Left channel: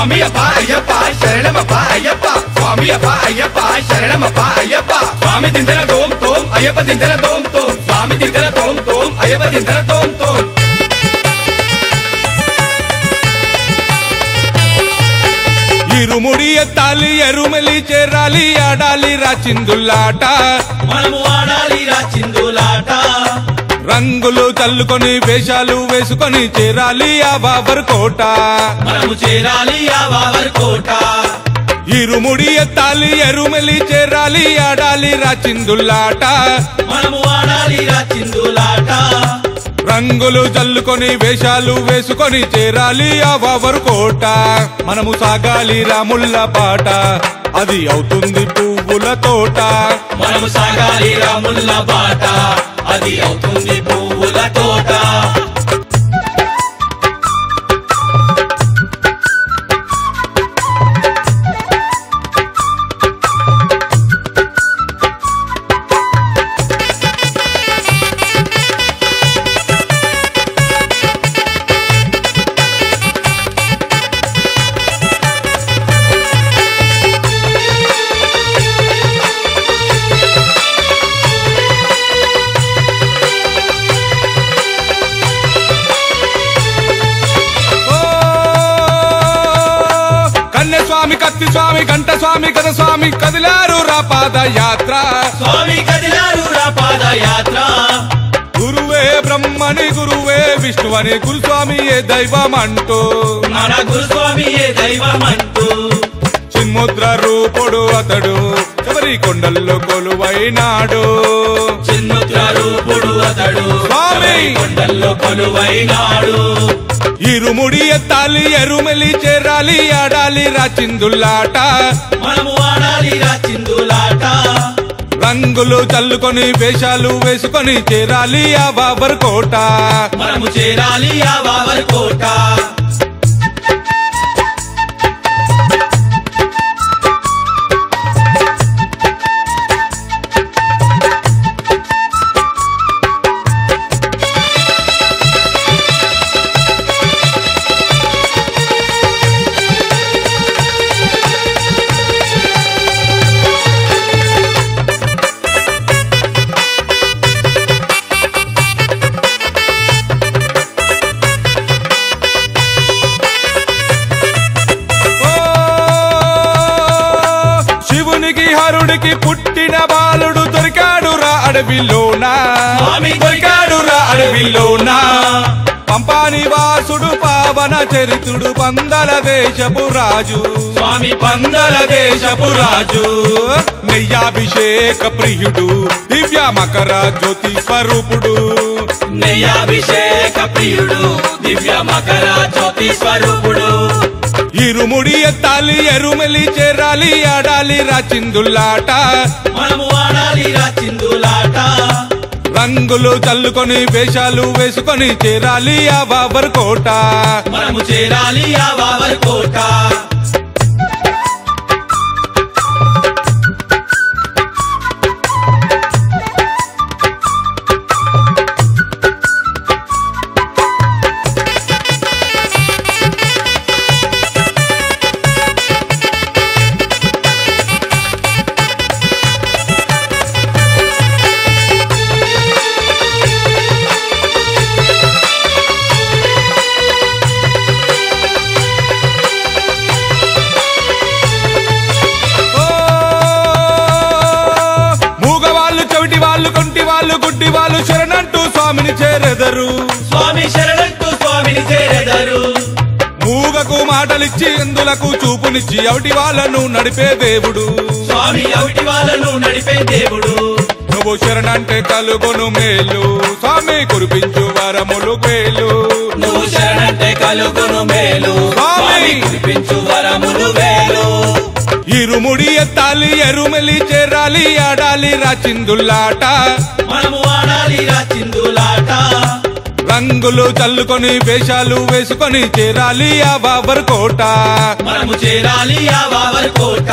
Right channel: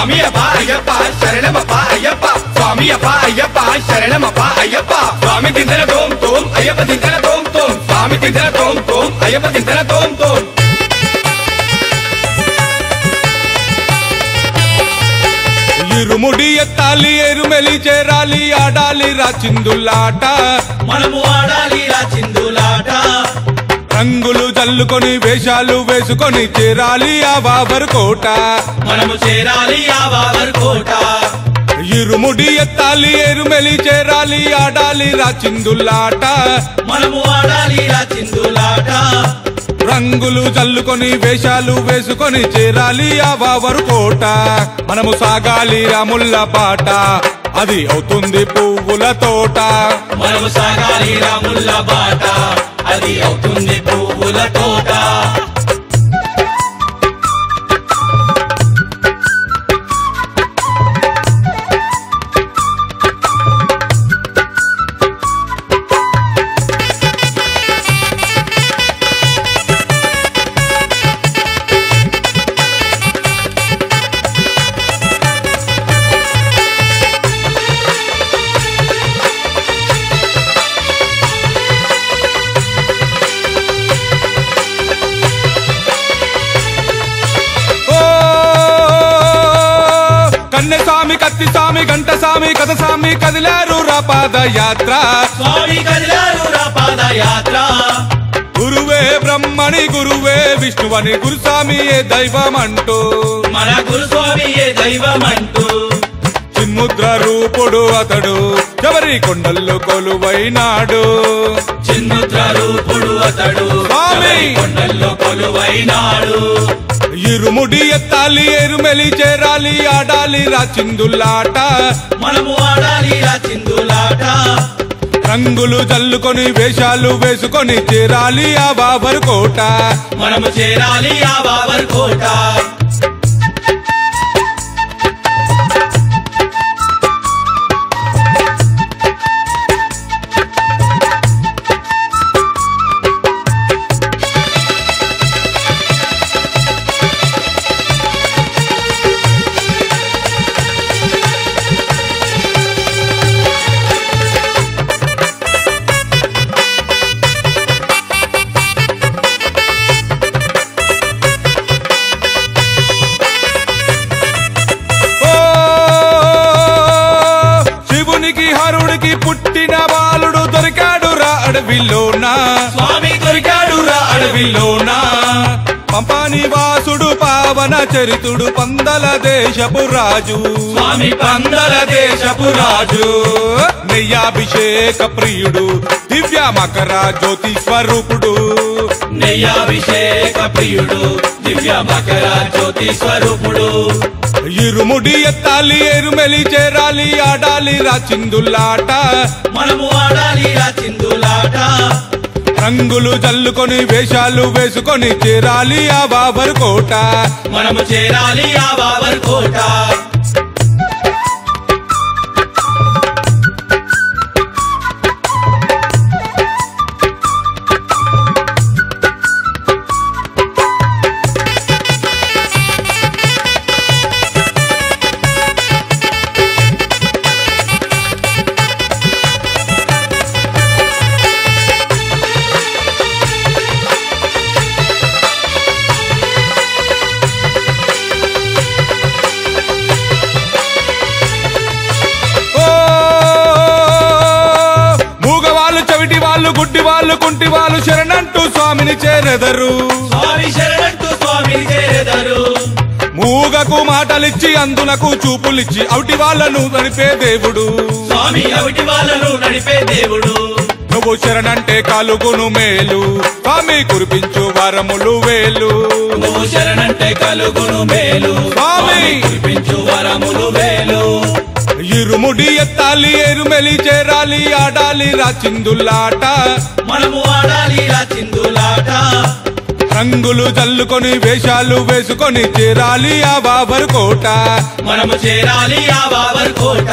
స్వామి అప్ప అయ్యప్ప శరణమప్ప అయ్యప్ప స్వామి అప్ప అయ్యప్ప శరణమప్ప అయ్యప్ప స్వామి దిందర తోం తోం అయ్యప్ప దిందర తోం తోం స్వామి దిందర తోం తోం అయ్యప్ప దిందర తోం తోం ఇరుముడి ఎత్తాలి ఎరుమెలి చేరాలి ఆడాలి రా చిందులాట మనము ఆడాలి రా చిందులాట రంగులు చల్లుకొని వేషాలు వేసుకొని చేరాలి ఆ బాబర్ కోట మనము చేరాలి ఆ బాబర్ కోట ఇరుముడి ఎత్తాలి ఎరుమెలి చేరాలి ఆడాలి రా చిందులాట మనము ఆడాలి రా చిందులాట రంగులు చల్లుకొని వేషాలు వేసుకొని చేరాలి ఆ బాబర్ కోట మనము సాగాలి రాముల పాట అది అవుతుంది పువ్వుల తోట మనము సాగాలి రాముల బాట అది అవుతుంది పువ్వుల తోట స్వామి గంట స్వామి గద స్వామి కదిలారు రా పాదయాత్ర స్వామి కదిలారు రా పాదయాత్ర గురువే బ్రహ్మని గురువే విష్ణువని గురుస్వామి ఏ దైవమంటూ మన గురుస్వామి ఏ దైవమంటూ చిన్ముద్ర రూపుడు అతడు ఎవరి కొండల్లో కొలువైనాడు చిన్ముద్ర రూపుడు అతడు స్వామి కొండల్లో కొలువైనాడు ఇరుముడి ఎత్తాలి ఎరుమెలి చేరాలి ఆడాలి రా చిందులాట మనము ఆడాలి రా చిందులాట రంగులు చల్లుకొని వేషాలు వేసుకొని చేరాలి ఆ బాబర్ కోట మనము చేరాలి ఆ బాబర్ కోట స్వామి దొరికాడు రా అడవిలోనా పంపాని వాసుడు పావన చరితుడు పందల దేశపు రాజు స్వామి పందల దేశపు రాజు నెయ్యాభిషేక ప్రియుడు దివ్య మకర జ్యోతి స్వరూపుడు నెయ్యాభిషేక ప్రియుడు దివ్య మకర జ్యోతి స్వరూపుడు ఇరుముడి ఎత్తాలి ఎరుమెలి చేరాలి ఆడాలి రా చిందులాట మనము ఆడాలి రా చిందులాట రంగులు చల్లుకొని వేషాలు వేసుకొని చేరాలి ఆ బాబర్ కోట మనము చేరాలి ఆ బాబర్ కోట స్వామి శరణంటూ స్వామిని చేరెదరు మూగకు మాటలిచ్చి అందులకు చూపులిచ్చి అవిటి వాళ్ళను నడిపే దేవుడు స్వామి అవిటి వాళ్ళను నడిపే దేవుడు నువ్వు శరణంటే కలుగును మేలు స్వామి కురిపించు వరములు వేలు నువ్వు శరణంటే కలుగును మేలు స్వామి కురిపించు వరములు వేలు ఇరుముడి ఎత్తాలి ఎరుమెలి చేరాలి ఆడాలి రా చిందులాట మనము ఆడాలి రా చిందులాట రంగులు చల్లుకొని వేషాలు వేసుకొని చేరాలి ఆ బాబర్ కోట మనము చేరాలి ఆ బాబర్ కోట